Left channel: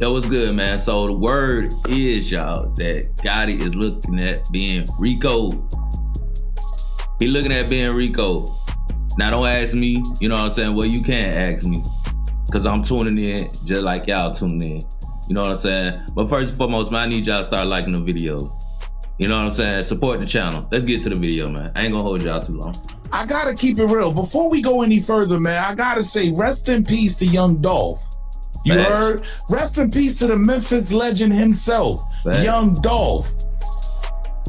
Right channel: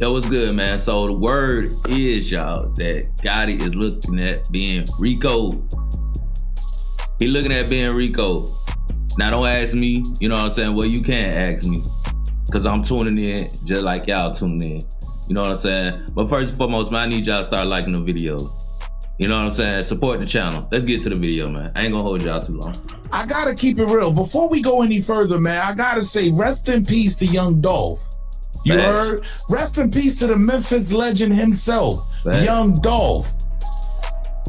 Yo, what's good, man? So the word is, y'all, that Gotti is looking at being Rico. He looking at being Rico. Now, don't ask me, you know what I'm saying? Well, you can't ask me, because I'm tuning in just like y'all tuning in. You know what I'm saying? But first and foremost, man, I need y'all to start liking the video. You know what I'm saying? Support the channel. Let's get to the video, man. I ain't gonna hold y'all too long. I gotta keep it real. Before we go any further, man, I gotta say rest in peace to young Dolph. You heard? Rest in peace to the Memphis legend himself, young Dolph.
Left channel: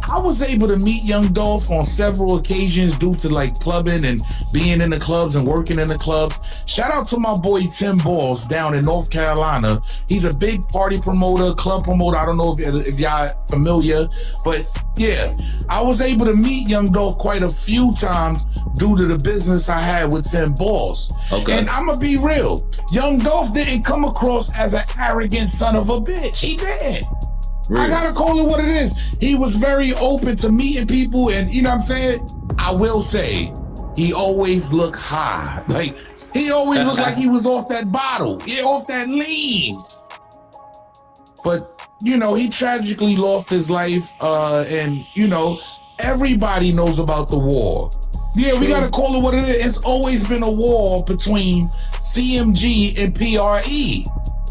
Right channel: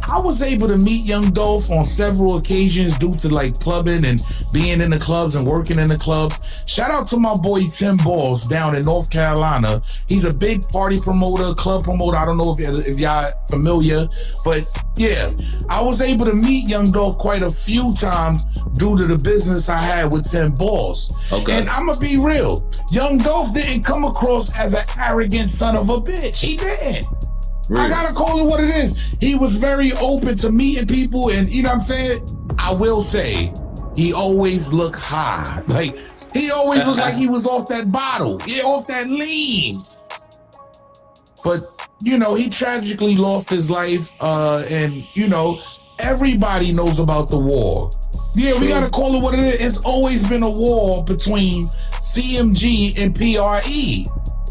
I was able to meet young Dolph on several occasions due to like clubbing and being in the clubs and working in the clubs. Shout out to my boy Tim Balls down in North Carolina. He's a big party promoter, club promoter. I don't know if y'all familiar, but yeah, I was able to meet young Dolph quite a few times due to the business I had with Tim Balls. Okay. And I'm gonna be real, young Dolph didn't come across as an arrogant son of a bitch. He didn't. Really? I gotta call it what it is. He was very open to meeting people, and you know what I'm saying? I will say, he always looked high. Like, he always looked like he was off that bottle, off that lean. But, you know, he tragically lost his life, and, you know, everybody knows about the war. Yeah, true. We gotta call it what it is. It's always been a war between CMG and PRE.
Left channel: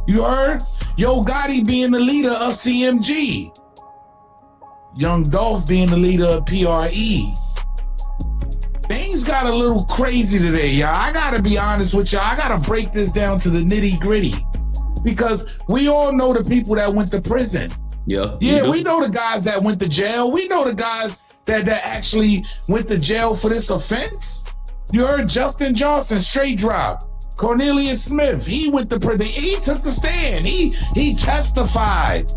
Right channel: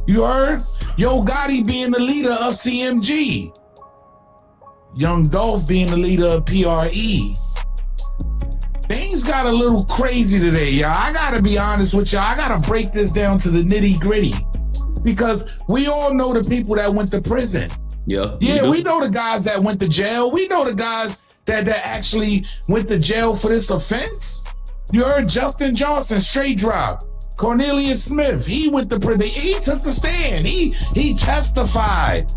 You heard? Yo Gotti being the leader of CMG. Young Dolph being the leader of PRE. Things got a little crazy today, y'all. I gotta be honest with y'all. I gotta break this down to the nitty gritty. Because we all know the people that went to prison. Yeah, we know the guys that went to jail. We know the guys that actually went to jail for this offense. You heard Justin Johnson, straight drop. Cornelius Smith, he went to prison. He took the stand. He testified.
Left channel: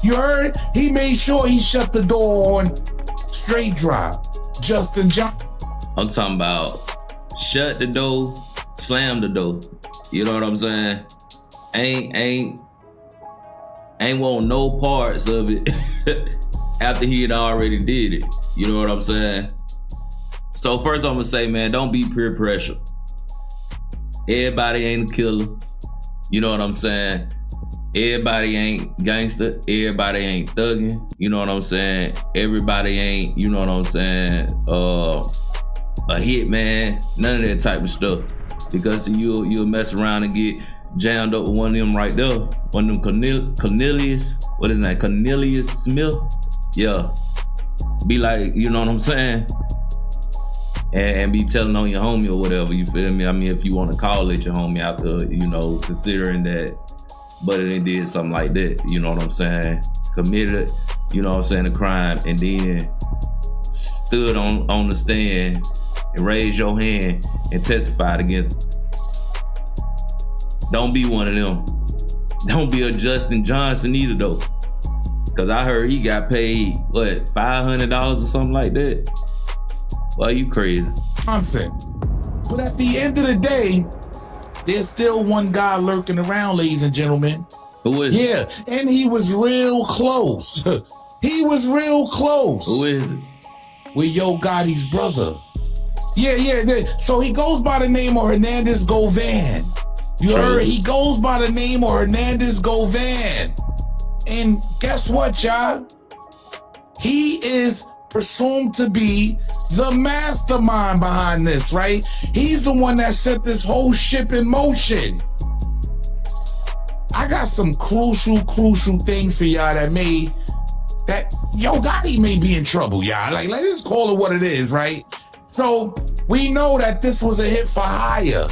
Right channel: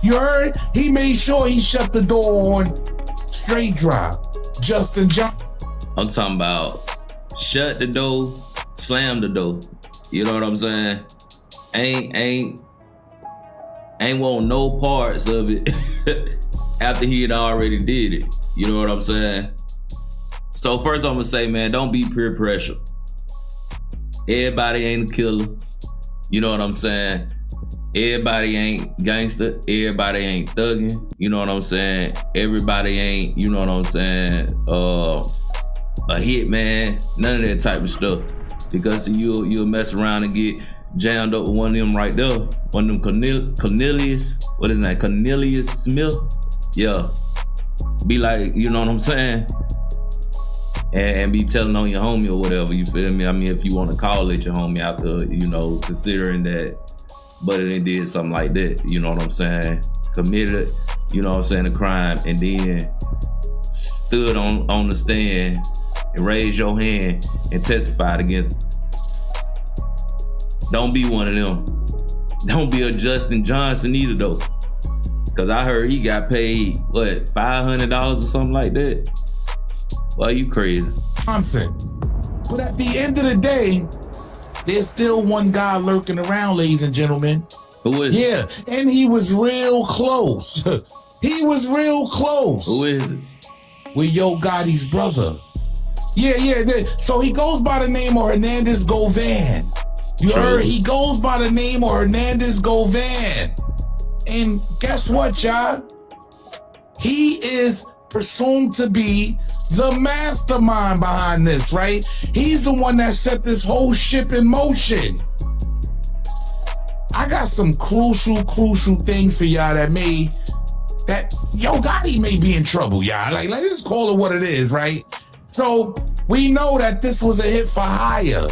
You heard? He made sure he shut the door on straight drop. Justin Johnson. I'm talking about shut the door, slam the door. You know what I'm saying? Ain't want no parts of it after he had already did it. You know what I'm saying? So first I'm gonna say, man, don't be peer pressure. Everybody ain't a killer. You know what I'm saying? Everybody ain't gangster. Everybody ain't thugging. You know what I'm saying? Everybody ain't, you know what I'm saying, a hitman. None of that type of stuff. Because you'll mess around and get jammed up with one of them right there. One of them Cornelius. What is that? Cornelius Smith? Yeah. Be like, you know what I'm saying? And be telling on your homie or whatever, you feel me? I mean, if you want to call it your homie after, you know, considering that Buddy done did something like that, you know what I'm saying? Committed, you know what I'm saying, a crime, and then stood on the stand and raised your hand and testified against him. Don't be one of them. Don't be a Justin Johnson either, though. Because I heard he got paid, what, $500 or something like that? Well, you crazy. Johnson. But at the end of the day, there's still one guy lurking around, ladies and gentlemen. Who is it? Yeah, and he was real close. He was real close. Who is it? With Yo Gotti's brother. Yeah. So he goes by the name of Hernandez Govan. You heard? He goes by the name of Hernandez Govan. And guess what, y'all? He is presumed to be the mastermind behind this, right? He's the one that set this whole ship in motion. I got some crucial things for y'all that Yo Gotti may be in trouble, y'all. Like, let's just call it what it is, right? So we know that this was a hit for hire,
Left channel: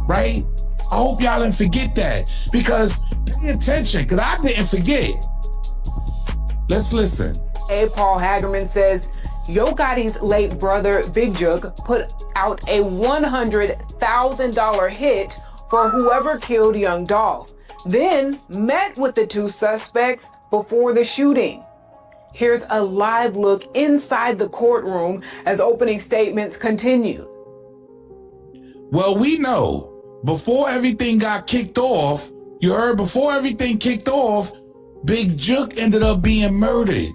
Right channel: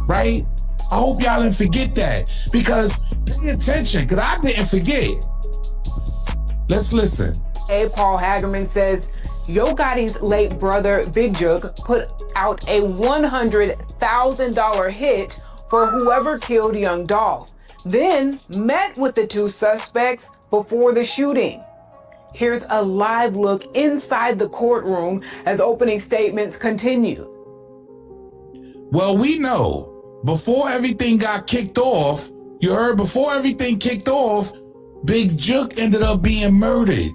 right? I hope y'all didn't forget that, because pay attention, because I didn't forget. Let's listen. A. Paul Hagerman says Yo Gotti's late brother, Big Jug, put out a $100,000 hit for whoever killed young Dolph, then met with the two suspects before the shooting. Here's a live look inside the courtroom as opening statements continue. Well, we know before everything got kicked off, you heard, before everything kicked off, Big Jug ended up being murdered.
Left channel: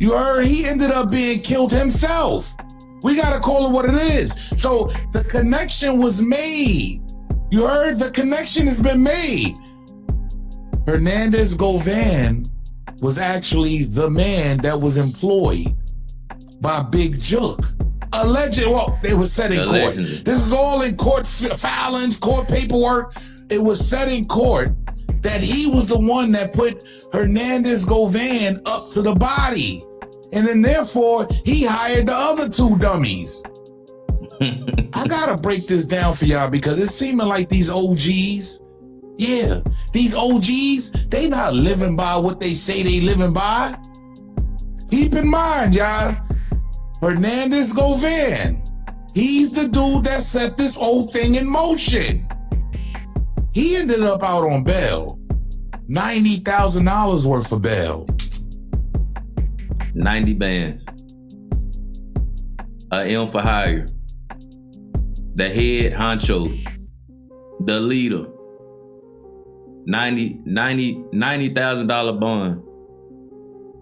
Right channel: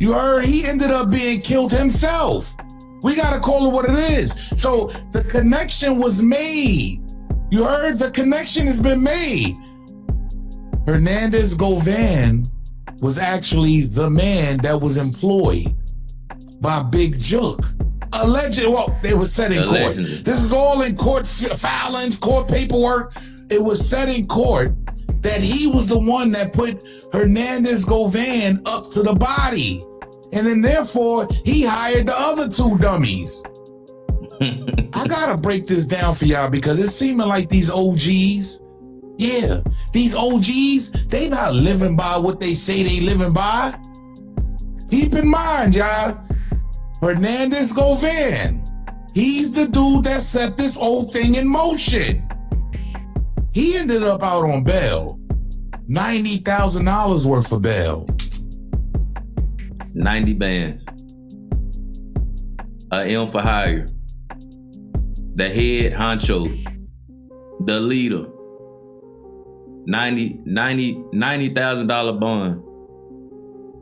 You heard? He ended up being killed himself. We gotta call it what it is. So the connection was made. You heard? The connection has been made. Hernandez Govan was actually the man that was employed by Big Jook. Allegedly, well, they were set in court. This is all in court filings, court paperwork. It was set in court that he was the one that put Hernandez Govan up to the body. And then therefore, he hired the other two dummies. I gotta break this down for y'all because it's seeming like these OGs, these OGs, they not living by what they say they living by. Keep in mind, y'all, Hernandez Govan, he's the dude that set this whole thing in motion. He ended up out on bail, $90,000 worth of bail. 90 bands. A M for hire. The head honcho. The leader. $90,000 bond.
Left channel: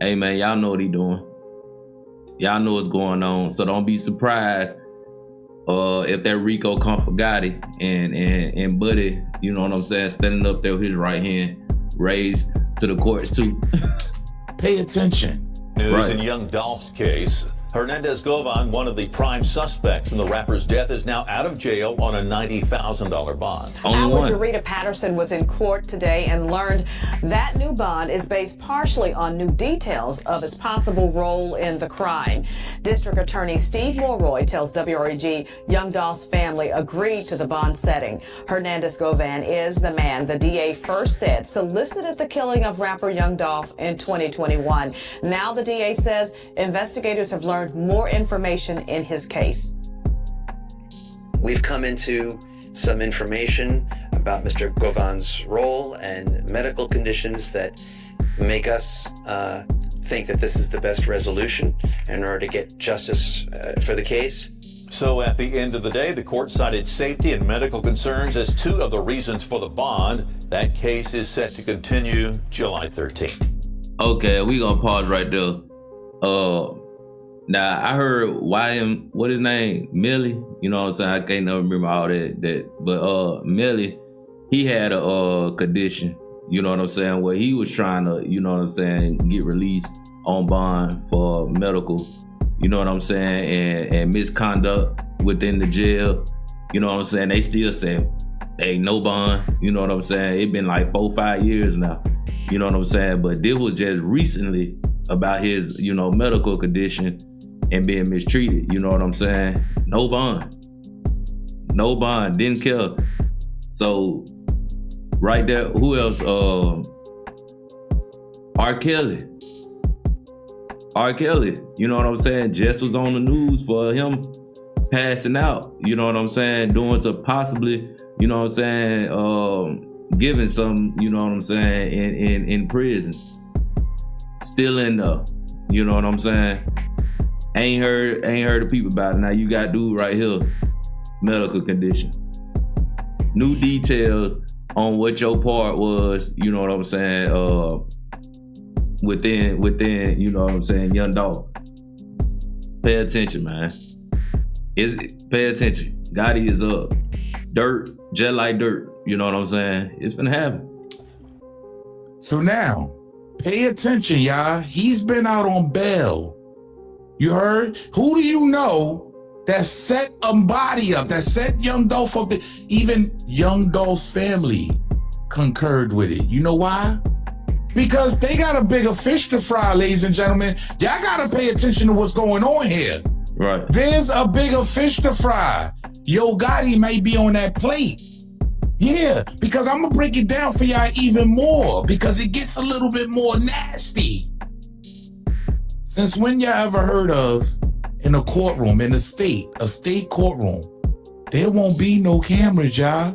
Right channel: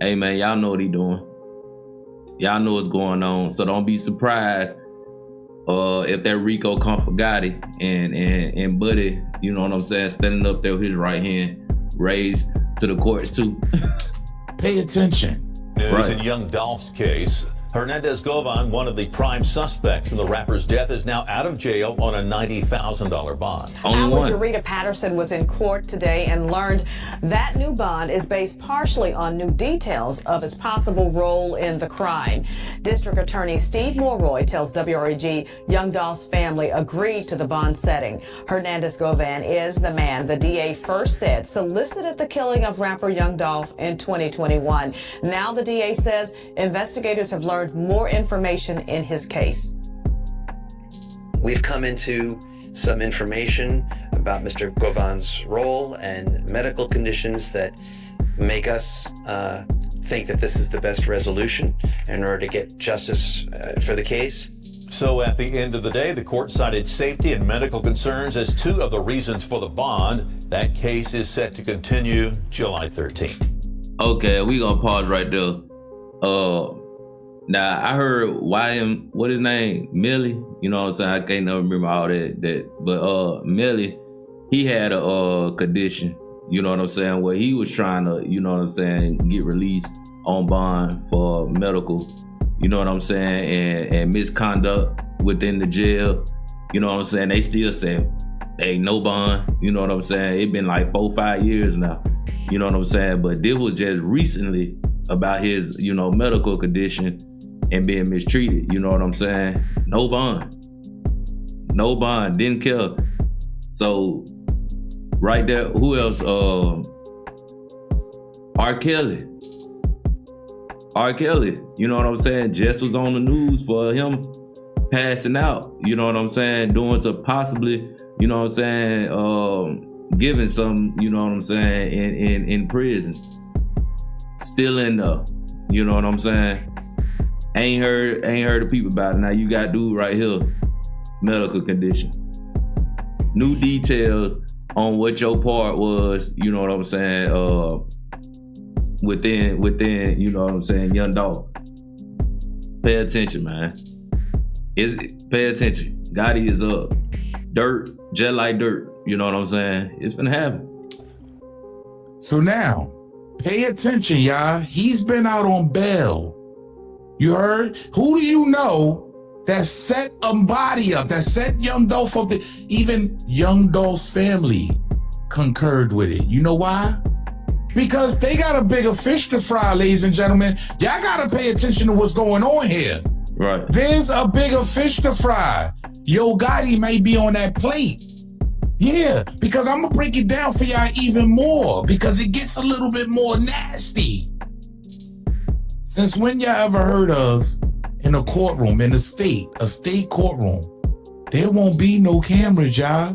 Hey man, y'all know what he doing. Y'all know what's going on. So don't be surprised if that Rico come for Gotti and Buddy, you know what I'm saying, standing up there with his right hand raised to the courts too. Pay attention. News in young Dolph's case. Hernandez Govan, one of the prime suspects in the rapper's death, is now out of jail on a $90,000 bond. Only one. Rita Patterson was in court today and learned that new bond is based partially on new details of his possible role in the crime. District Attorney Steve Mulroy tells WREG young Dolph's family agreed to the bond setting. Hernandez Govan is the man the DA first said solicited the killing of rapper Young Dolph in 2021. Now the DA says investigators have learned more information in his case. We've come into some information about Mr. Govan's role and medical conditions that make us think that this is the best resolution in order to get justice for the case. So at the end of the day, the court cited safety and medical concerns as two of the reasons for the bond. That case is set to continue July 13th. Okay, we gonna pause right there. Now I heard YM, what his name, Millie. You know what I'm saying? I can't never remember all that. But Millie, he had a condition. You know what I'm saying? Where he was trying to, you know what I'm saying, get released on bond for medical. You know what I'm saying? And misconduct within the jail. You know what I'm saying? They still say ain't no bond. You know what I'm saying? It been like 4-5 years now. You know what I'm saying? But this was just recently about his, you know, medical condition and being mistreated. You know what I'm saying? No bond. No bond. Didn't care. So right there, who else? R. Kelly. R. Kelly. You know what I'm saying? Jess was on the news for him passing out. You know what I'm saying? Doing to possibly, you know what I'm saying, giving some, you know what I'm saying, in prison. Still in there. You know what I'm saying? Ain't heard of people about it. Now you got dude right here, medical condition. New details on what your part was, you know what I'm saying, within, you know what I'm saying, young Dolph. Pay attention, man. Pay attention. Gotti is up. Dirt, just like dirt. You know what I'm saying? It's finna happen. So now, pay attention, y'all. He's been out on bail. You heard? Who do you know that set a body up, that set Young Dolph up? Even Young Dolph's family concurred with it. You know why? Because they got a bigger fish to fry, ladies and gentlemen. Y'all gotta pay attention to what's going on here. Right. There's a bigger fish to fry. Yo Gotti may be on that plate. Yeah, because I'm gonna break it down for y'all even more because it gets a little bit more nasty. Since when y'all ever heard of in a courtroom, in a state courtroom, there won't be no cameras, y'all?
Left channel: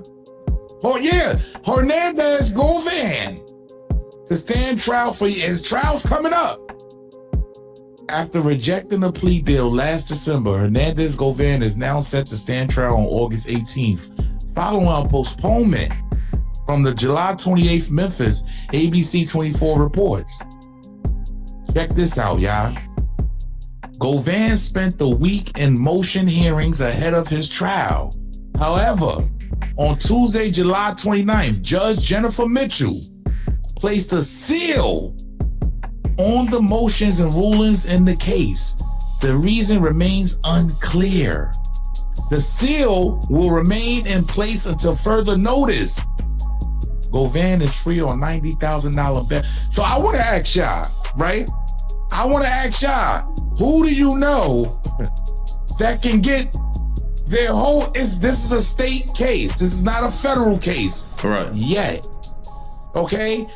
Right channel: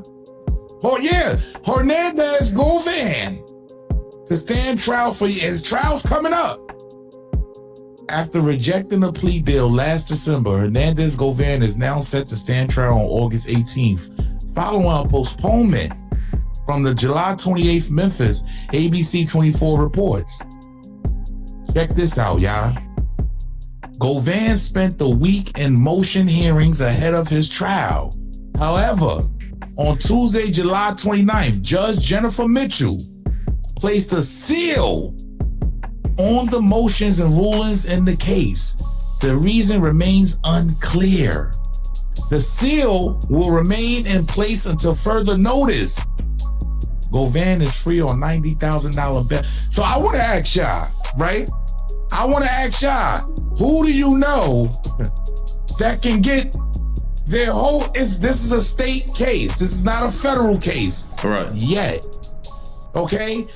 Oh yeah, Hernandez Govan to stand trial for his trial's coming up. After rejecting a plea deal last December, Hernandez Govan is now set to stand trial on August 18th, following a postponement from the July 28th Memphis ABC 24 reports. Check this out, y'all. Govan spent the week in motion hearings ahead of his trial. However, on Tuesday, July 29th, Judge Jennifer Mitchell placed a seal on the motions and rulings in the case. The reason remains unclear. The seal will remain in place until further notice. Govan is free on $90,000 bail. So I want to ask y'all, right? I want to ask y'all, who do you know that can get their whole, this is a state case. This is not a federal case. Right. Yet. Okay?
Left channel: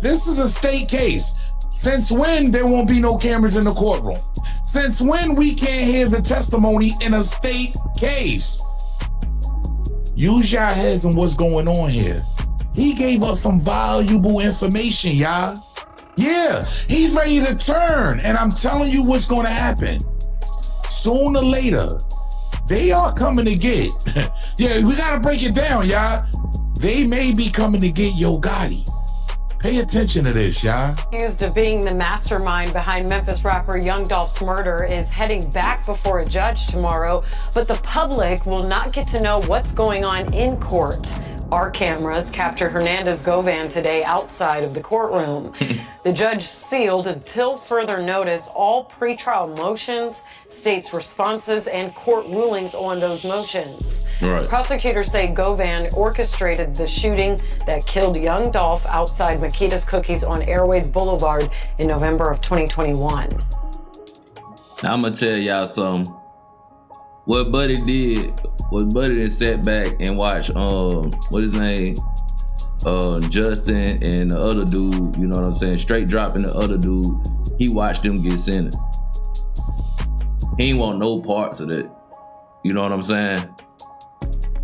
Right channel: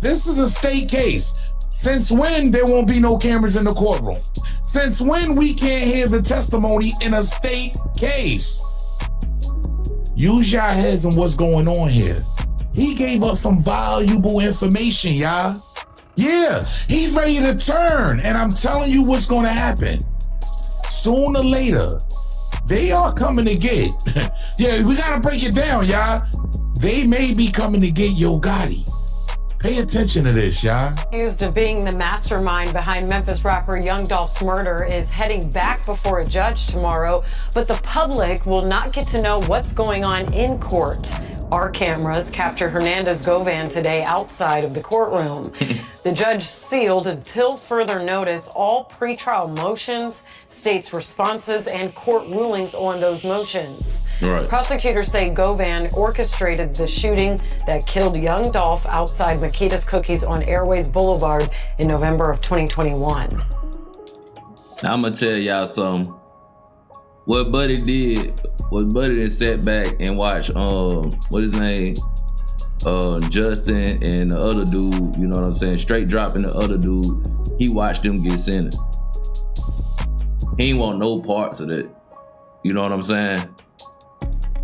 This is a state case. Since when there won't be no cameras in the courtroom? Since when we can't hear the testimony in a state case? Use your heads on what's going on here. He gave us some valuable information, y'all. Yeah, he's ready to turn, and I'm telling you what's gonna happen. Sooner or later, they are coming to get, yeah, we gotta break it down, y'all. They may be coming to get Yo Gotti. Pay attention to this, y'all. Accused of being the mastermind behind Memphis rapper Young Dolph's murder is heading back before a judge tomorrow, but the public will not get to know what's going on in court. Our cameras captured Hernandez Govan today outside of the courtroom. The judge sealed until further notice all pretrial motions, states' responses, and court rulings on those motions. Right. Prosecutors say Govan orchestrated the shooting that killed young Dolph outside Makita's Cookies on Airways Boulevard in November of 2021. Now I'm gonna tell y'all something. What Buddy did was Buddy done sat back and watched what his name? Justin and the other dude, you know what I'm saying? Straight dropping the other dude. He watched them get sentenced. He ain't want no parts of that. You know what I'm saying?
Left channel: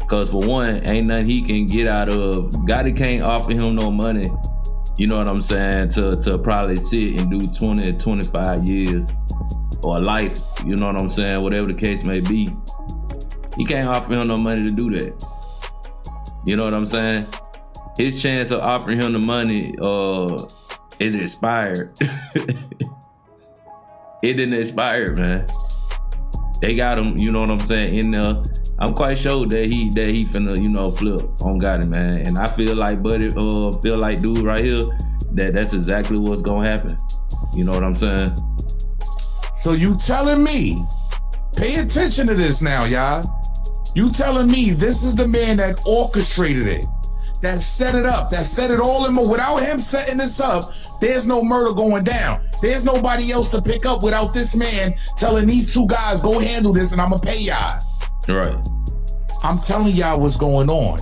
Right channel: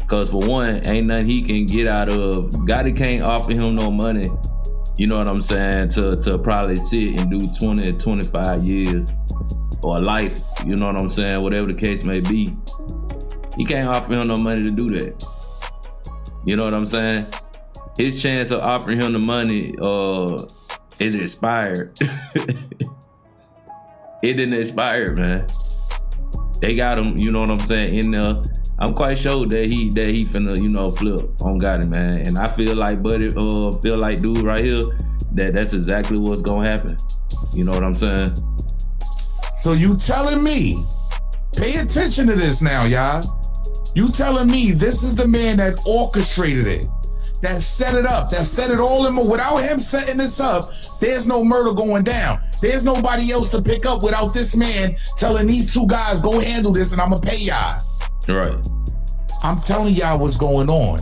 Cause for one, ain't nothing he can get out of. Gotti can't offer him no money, you know what I'm saying, to probably sit and do 20 or 25 years. Or life, you know what I'm saying, whatever the case may be. He can't offer him no money to do that. You know what I'm saying? His chance of offering him the money is expired. It didn't expire, man. They got him, you know what I'm saying, in there. I'm quite sure that he finna, you know, flip on Gotti, man. And I feel like Buddy, feel like dude right here, that's exactly what's gonna happen. You know what I'm saying? So you telling me, pay attention to this now, y'all. You telling me this is the man that orchestrated it, that set it up, that set it all in motion. Without him setting this up, there's no murder going down. There's nobody else to pick up without this man telling these two guys, go handle this and I'm gonna pay y'all. Right. I'm telling y'all what's going on.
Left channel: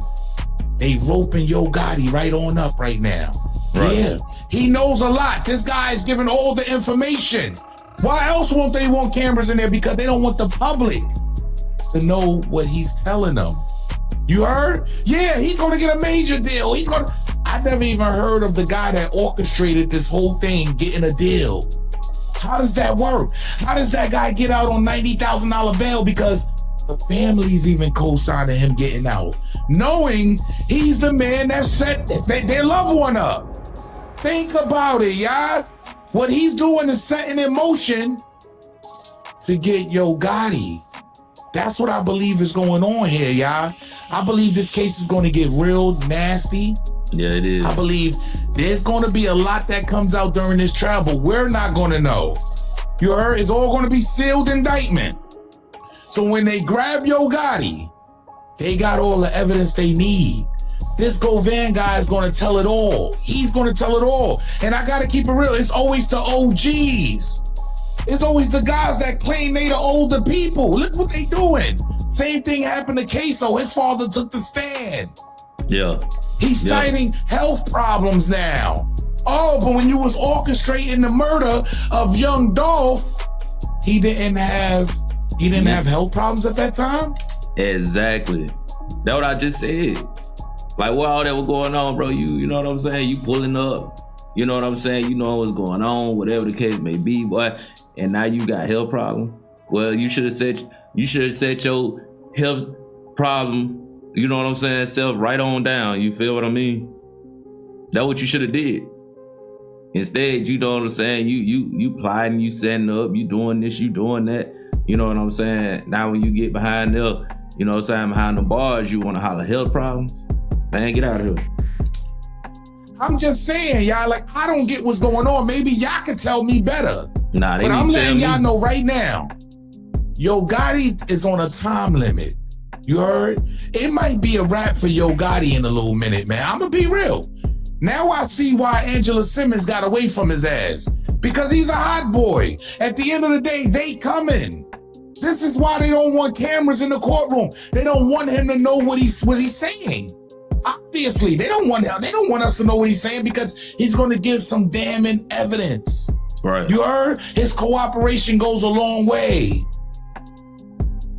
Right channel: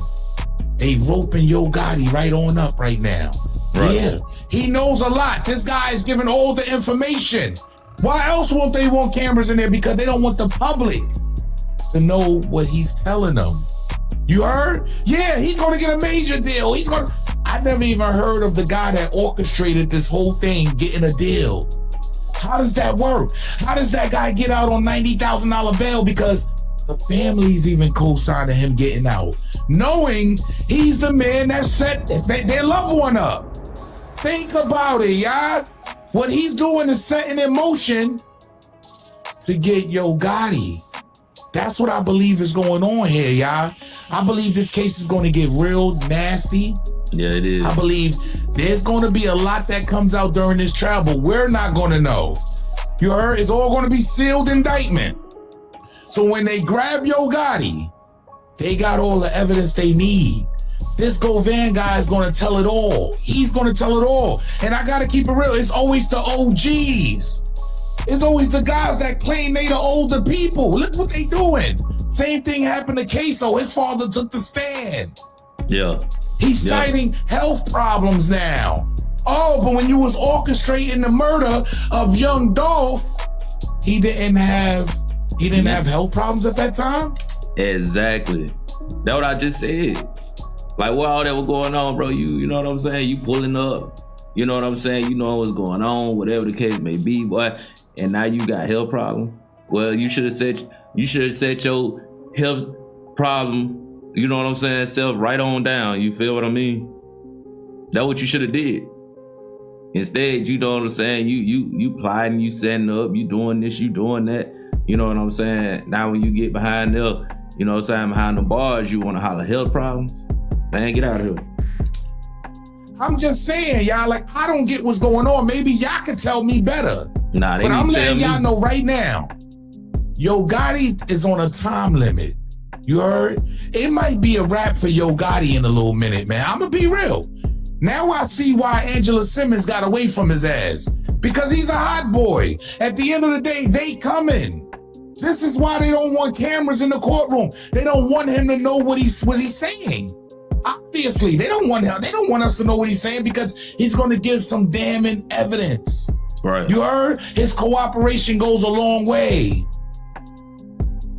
They roping Yo Gotti right on up right now. Right. Yeah, he knows a lot. This guy is giving all the information. Why else won't they want cameras in there? Because they don't want the public to know what he's telling them. You heard? Yeah, he's gonna get a major deal. I never even heard of the guy that orchestrated this whole thing getting a deal. How does that work? How does that guy get out on $90,000 bail? Because the family's even co-signing him getting out, knowing he's the man that set their loved one up. Think about it, y'all. What he's doing is setting in motion to get Yo Gotti. That's what I believe is going on here, y'all. I believe this case is going to get real nasty. Yeah, it is. I believe there's going to be a lot that comes out during this trial, but we're not going to know. You heard? It's all going to be sealed indictment. So when they grab Yo Gotti, they got all the evidence they need. This Govan guy is going to tell it all. He's going to tell it all. And I got to keep it real. It's always the OGs. It's always the guys that claim they the older people. Look what they doing. Same thing happened to Queso. His father took the stand. Yeah. He's citing health problems now. Oh, but when you was orchestrating the murder of young Dolph, he didn't have health problems at that time? Exactly. That's what I just said. Like, what all that was going on, bro? You know what I'm saying? You pulling up. You know what I'm saying? You know what's going on, whatever the case may be, boy. And now you got health problem. Well, you should have set your health problem, you know what I'm saying, self right on down. You feel what I mean? That's what you should have did. Instead, you know what I'm saying? You plotting, you setting up, you doing this, you doing that. You know what I'm saying? Now when you get behind there, you know what I'm saying, behind the bars, you want to holler health problems. Man, get out of here. I'm just saying, y'all, like, I don't get what's going on. Maybe y'all can tell me better. Nah, they but I'm need to tell letting me. y'all know right now, Yo Gotti is on a time limit. You heard? It might be a wrap for Yo Gotti in a little minute, man. I'm gonna be real. Now I see why Angela Simmons got away from his ass. Because he's a hot boy. At the end of the day, they coming. This is why they don't want cameras in the courtroom. They don't want him to know what he's saying. Obviously, they don't want us to know what he's saying because he's going to give some damning evidence. Right. You heard? His cooperation goes a long way.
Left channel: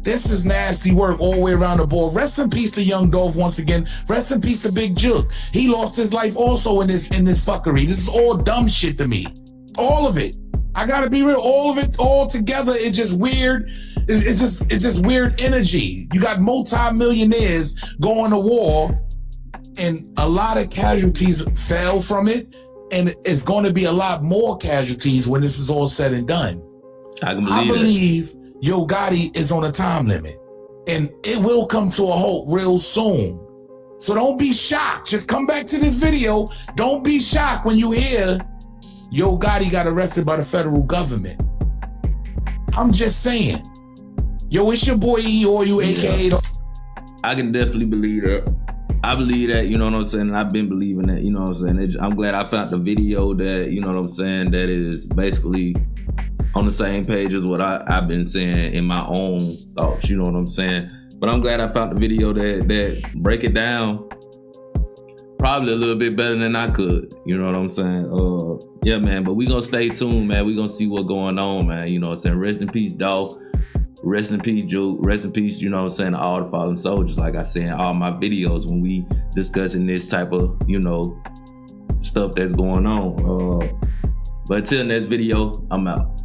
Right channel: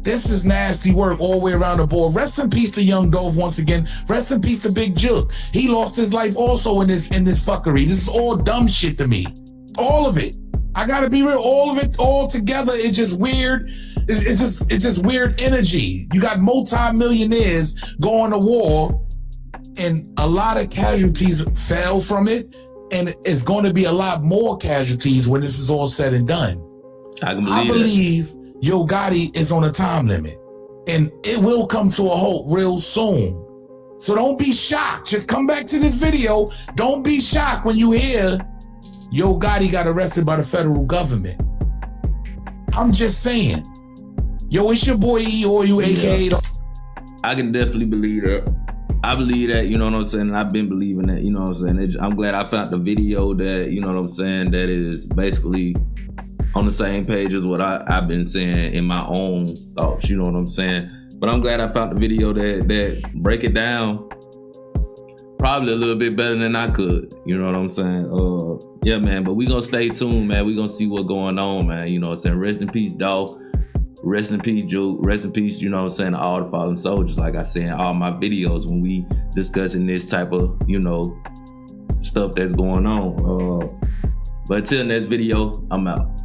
This is nasty work all the way around the board. Rest in peace to Young Dolph once again. Rest in peace to Big Jook. He lost his life also in this fuckery. This is all dumb shit to me. All of it. I gotta be real. All of it, all together, it's just weird. It's just weird energy. You got multi-millionaires going to war, and a lot of casualties fell from it, and it's going to be a lot more casualties when this is all said and done. I believe Yo Gotti is on a time limit, and it will come to a halt real soon. So don't be shocked. Just come back to this video. Don't be shocked when you hear Yo Gotti got arrested by the federal government. I'm just saying. Yo, it's your boy E-Oil, aka. I can definitely believe that. I believe that, you know what I'm saying? And I've been believing that, you know what I'm saying? I'm glad I found the video that, you know what I'm saying, that is basically on the same page as what I've been saying in my own thoughts, you know what I'm saying? But I'm glad I found the video that break it down probably a little bit better than I could, you know what I'm saying? Yeah, man, but we gonna stay tuned, man. We gonna see what's going on, man, you know what I'm saying? Rest in peace, Dolph. Rest in peace, Joe. Rest in peace, you know what I'm saying, all the fallen soldiers, like I say in all my videos when we discussing this type of, you know, stuff that's going on. But until next video, I'm out.